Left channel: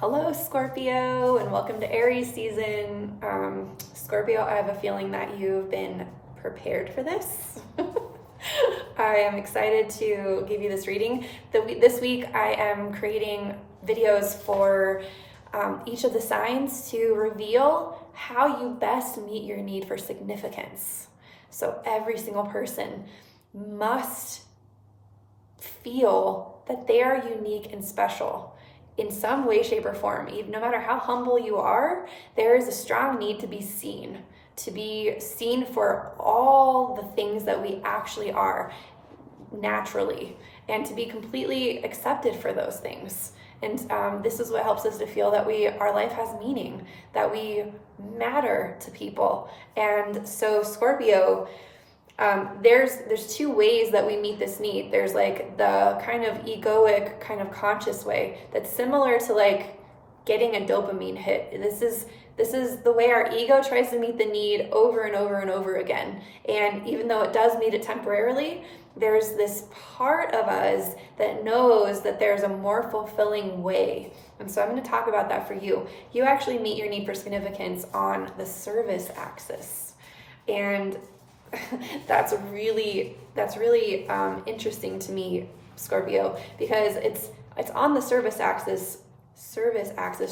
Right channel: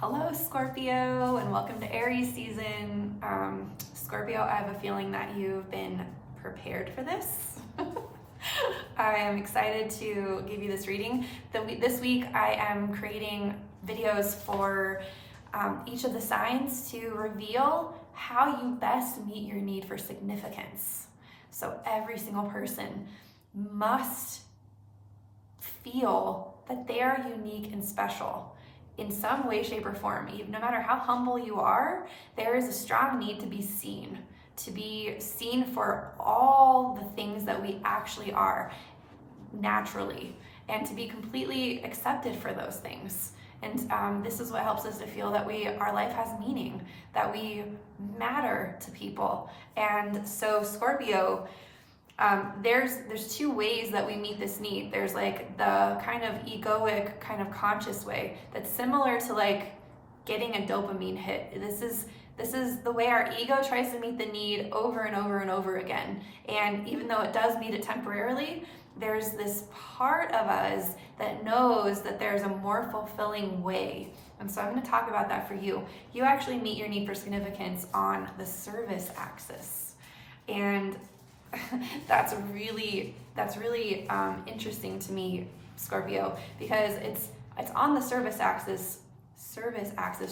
Hello, Scorpio, and welcome to Aries season. Scorpio, I have a feeling that you've been prepared for this. I am excited to give you this reading. This week, I am creating videos for each of the signs to reveal how you best meet your need for significance. So every single person must feel that they are unique and special in some way, shape, or form. Even no matter how humble you are, there is a strong need to be seen for all the things that we actually are naturally, and to be completely accepted for those things. And this is what helps us to feel that our life has meaning, that we matter to people. And so Scorpio, there's two ways that we meet this need. There's like the kind of egoic, kind of conscious way that's similar to like getting a dopamine hit. This is the way our ego tries to meet the need over and over and over again. And even though it does meet it temporarily, there's this part of us that knows that there's a more fulfilling way. And so I'm going to talk about that for you. You actually meet your need for significance on the service axis. And that's really interesting to me, Scorpio, because it's on the service axis,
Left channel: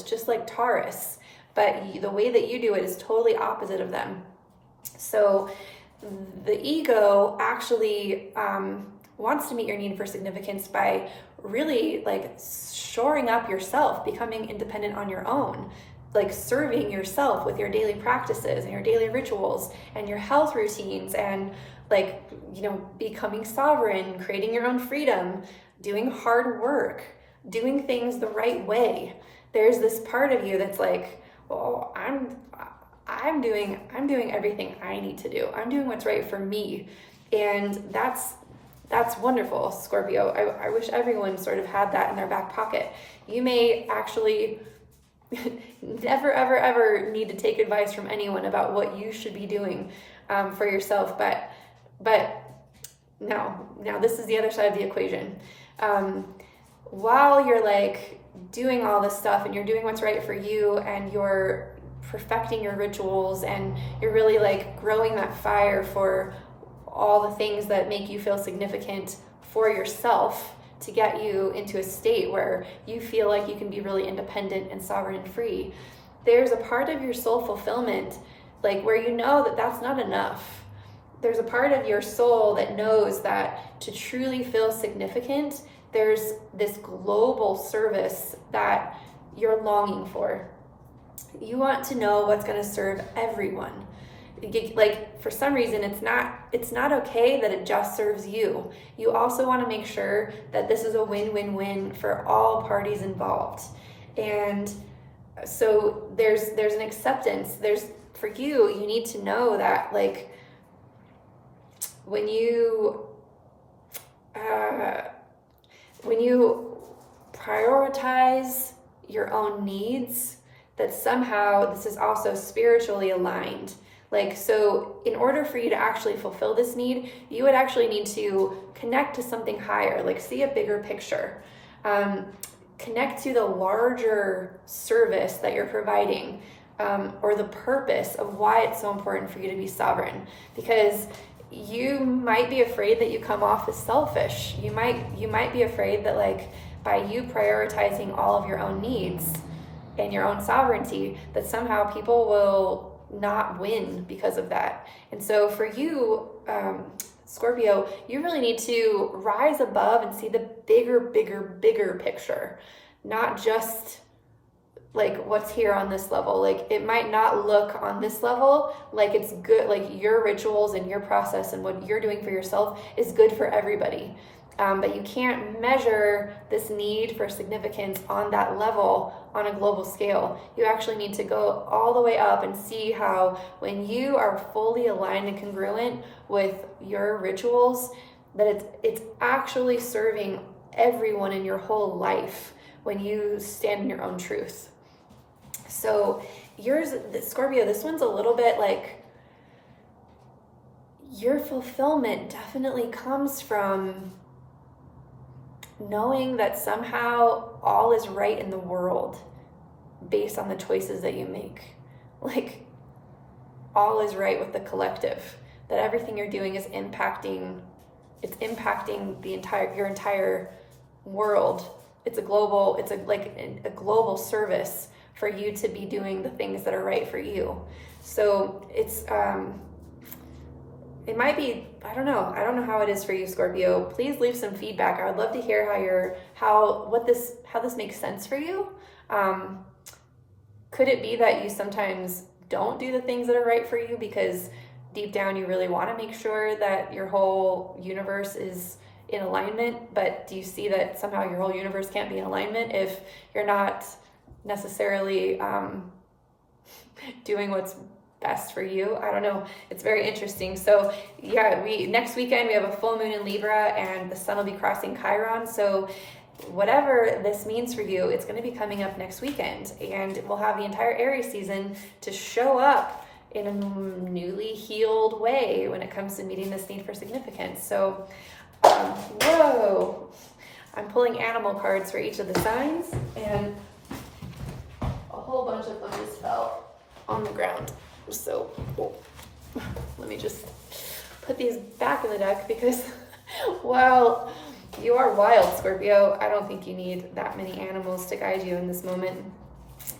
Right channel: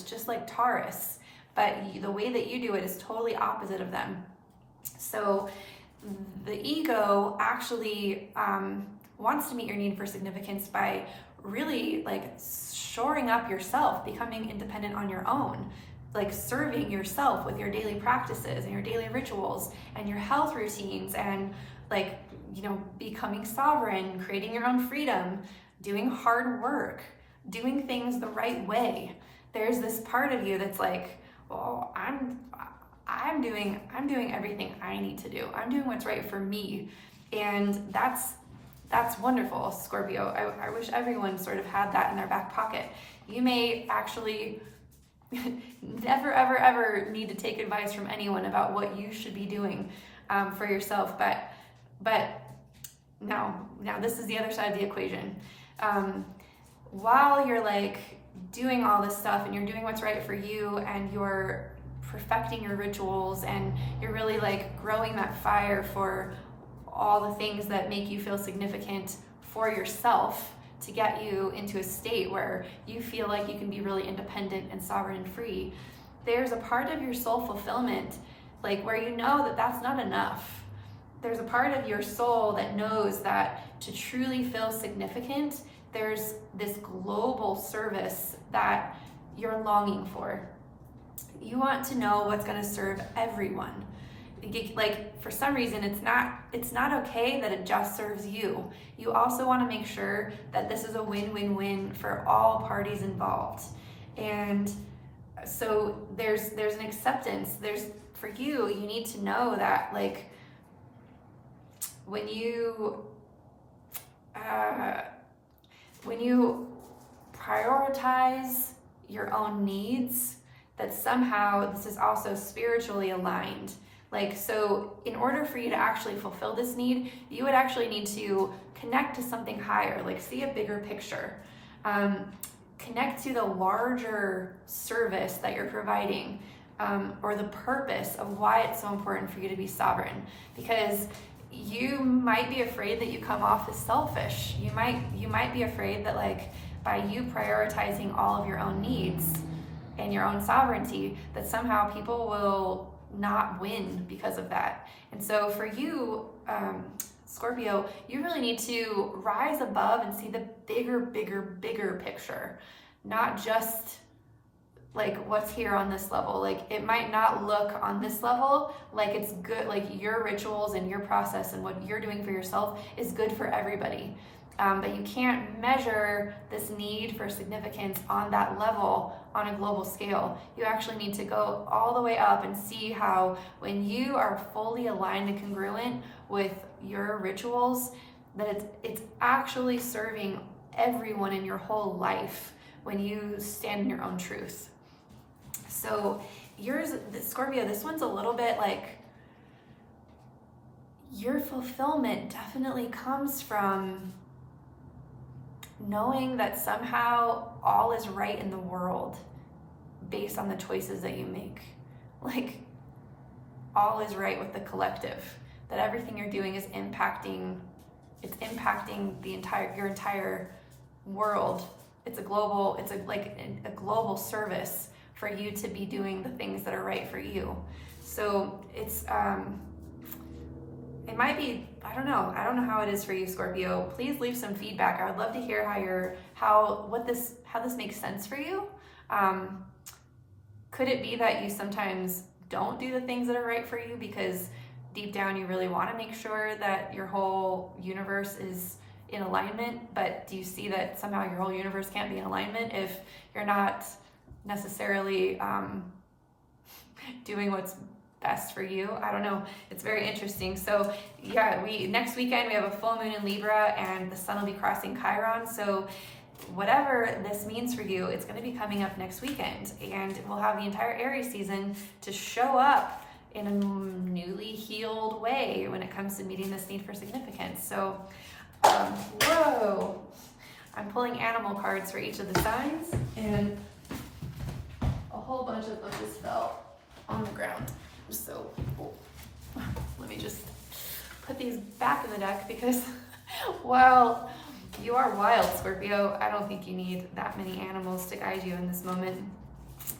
just like Taurus, but the way that you do it is totally opposite of them. So the ego actually wants to meet your need for significance by really like shoring up yourself, becoming independent on your own, like serving yourself with your daily practices and your daily rituals and your health routines, and like, becoming sovereign, creating your own freedom, doing hard work, doing things the right way. There's this part of you that's like, oh, I'm doing everything I need to do. I'm doing what's right for me. And that's wonderful, Scorpio. I wish everyone sort of had that in their back pocket. You may actually never, ever, ever need to take advice from anyone about what you should be doing for yourself. But now this is the other side of the equation. While you're like doing all this stuff and you're doing what's right for you and you're perfecting your rituals and you're really like growing that fire for all the things that make you feel significant for yourself, to get you into a state where you feel like you can be really independent and sovereign and free, there's a part of your soul fulfillment, like where you know that that's not enough. There's a part of your soul that knows that to truly feel significant, there's this global service that you're longing for. You want to know what's going to serve everyone. Like, for some reason, it's not okay that it just serves you. You also want to make sure that this is a win-win-win for all parties involved. And so there's an acceptance. For you need to know that, like, when you prioritize your own needs, that somehow this is also spiritually aligned. Like, so in order for you to actually fulfill this need, you would actually need to connect to something higher, like see a bigger picture, connect to the larger service that you're providing, or the purpose of why it's so important for you to be sovereign. Because you might be afraid that you come off as selfish. You might be afraid that, like, by you prioritizing all of your own needs and your own sovereignty, that somehow people will not win because of that. And so for you, Scorpio, you really need to rise above and see the bigger picture, not just like what's here on this level. Like, it might not look on this level like it's good, like your rituals and your process and what you're doing for yourself is good for everybody. But you can't measure this need for significance on that level on a global scale. You actually need to go all the way up and see how, when you are fully aligned and congruent with your rituals, that it's actually serving everyone in your whole life when you stand in your own truth. So yours, Scorpio, this one's a little bit like, your fulfillment definitely comes from knowing that somehow all is right in the world, based on the choices that you make. Like, all is right with the collective, that everything you're doing is impacting your entire world. It's a global service for you to be doing the things that are right for you. So it might be, I don't know how it is for you, Scorpio. Please leave some feedback. I would love to hear how this makes sense for you. Could it be that you sometimes don't do the things that are right for you because deep down you really want to make sure that your whole universe is in alignment, but do you see that somehow your whole universe can't be in alignment if you're not necessarily doing what's best for you? I don't know. It's very interesting. So yeah, next weekend we have a full moon in Libra and the sun will be crossing Chiron. So whatever this means for you, it's going to be coming up next weekend, and we'll have the entire Aries season to show up in a newly healed way when it comes to meeting this need for significance. So, whoa, I'm pulling animal cards for each of the signs, and a whole bunch of them just fell on the ground. So, let me just put these back in the deck because, well, you are wild, Scorpio. I don't think you need that many animals to guide you in this moment.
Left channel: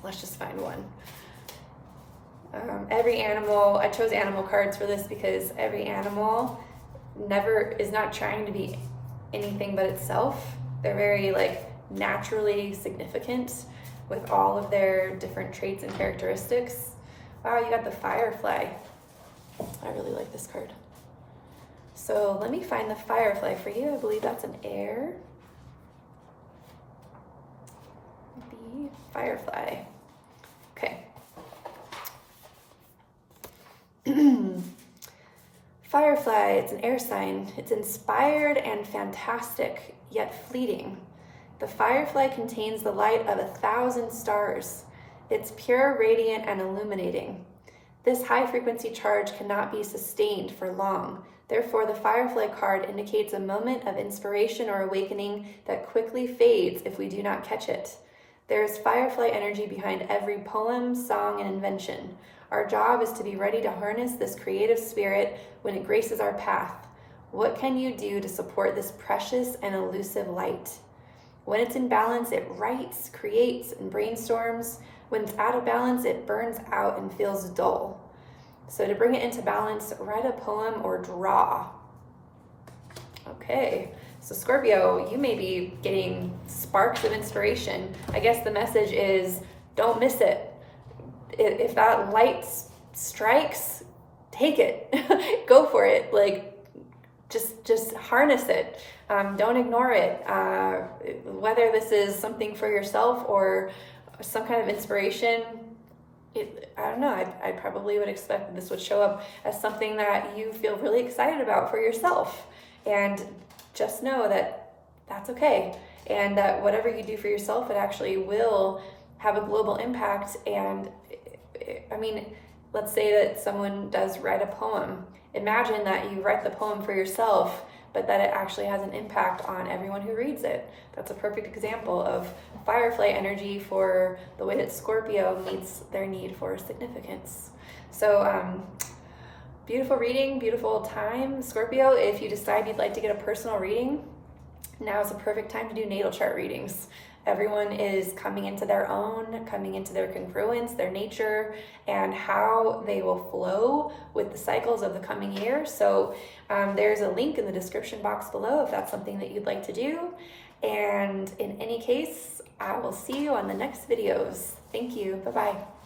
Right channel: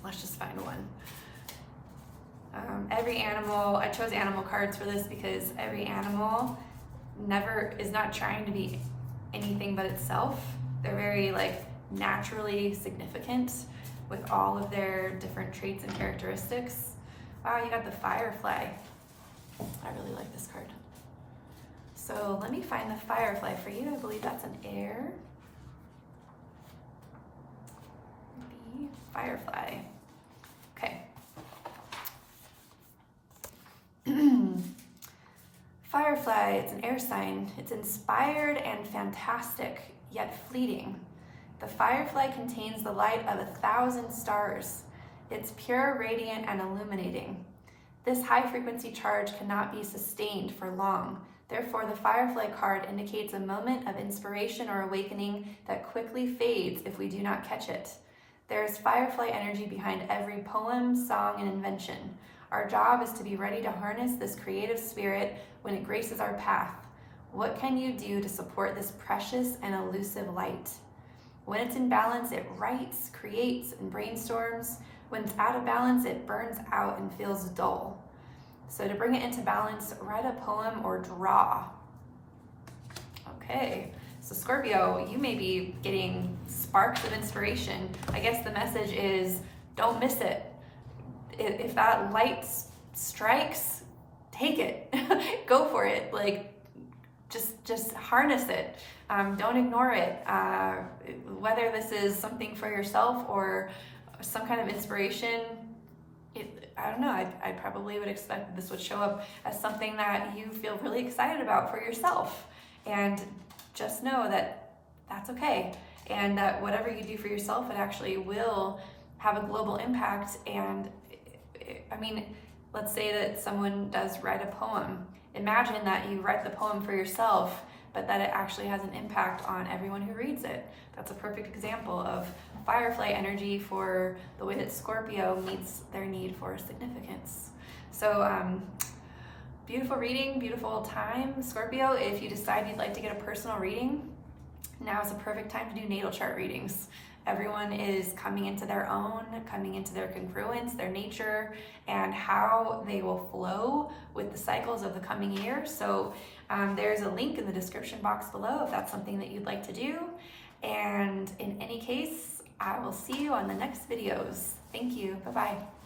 Let's just find one. Every animal, I chose animal cards for this because every animal is not trying to be anything but itself. They're very naturally significant with all of their different traits and characteristics. Wow, you got the firefly. I really like this card. So let me find the firefly for you. I believe that's an air. The firefly. Okay. Firefly, it's an air sign. It's inspired and fantastic, yet fleeting. The firefly contains the light of 1,000 stars. It's pure, radiant, and illuminating. This high-frequency charge cannot be sustained for long. Therefore, the firefly card indicates a moment of inspiration or awakening that quickly fades if we do not catch it. There is firefly energy behind every poem, song, and invention. Our job is to be ready to harness this creative spirit when it graces our path. What can you do to support this precious and elusive light? When it's in balance, it writes, creates, and brainstorms. When it's out of balance, it burns out and feels dull. So to bring it into balance, write a poem or draw. Okay, so Scorpio, you may be getting sparks of inspiration. I guess the message is don't miss it. If that light strikes, take it. Go for it. Just harness it. Don't ignore it. Whether this is something for yourself or some kind of inspiration, I don't know, I probably would expect this would show up as something that you feel really excited about for yourself. And just know that that's okay. And that whatever you do for yourself, it actually will have a global impact. And I mean, let's say that someone does write a poem. Imagine that you write the poem for yourself, but that it actually has an impact on everyone who reads it. That's a perfect example of firefly energy for the way that Scorpio meets their need for significance. So beautiful reading, beautiful time. Scorpio, if you decide you'd like to get a personal reading, now is a perfect time to do natal chart readings. Everyone is coming into their own, coming into their congruence, their nature, and how they will flow with the cycles of the coming year. So there's a link in the description box below if that's something that you'd like to do. And in any case, I will see you on the next videos. Thank you. Bye-bye.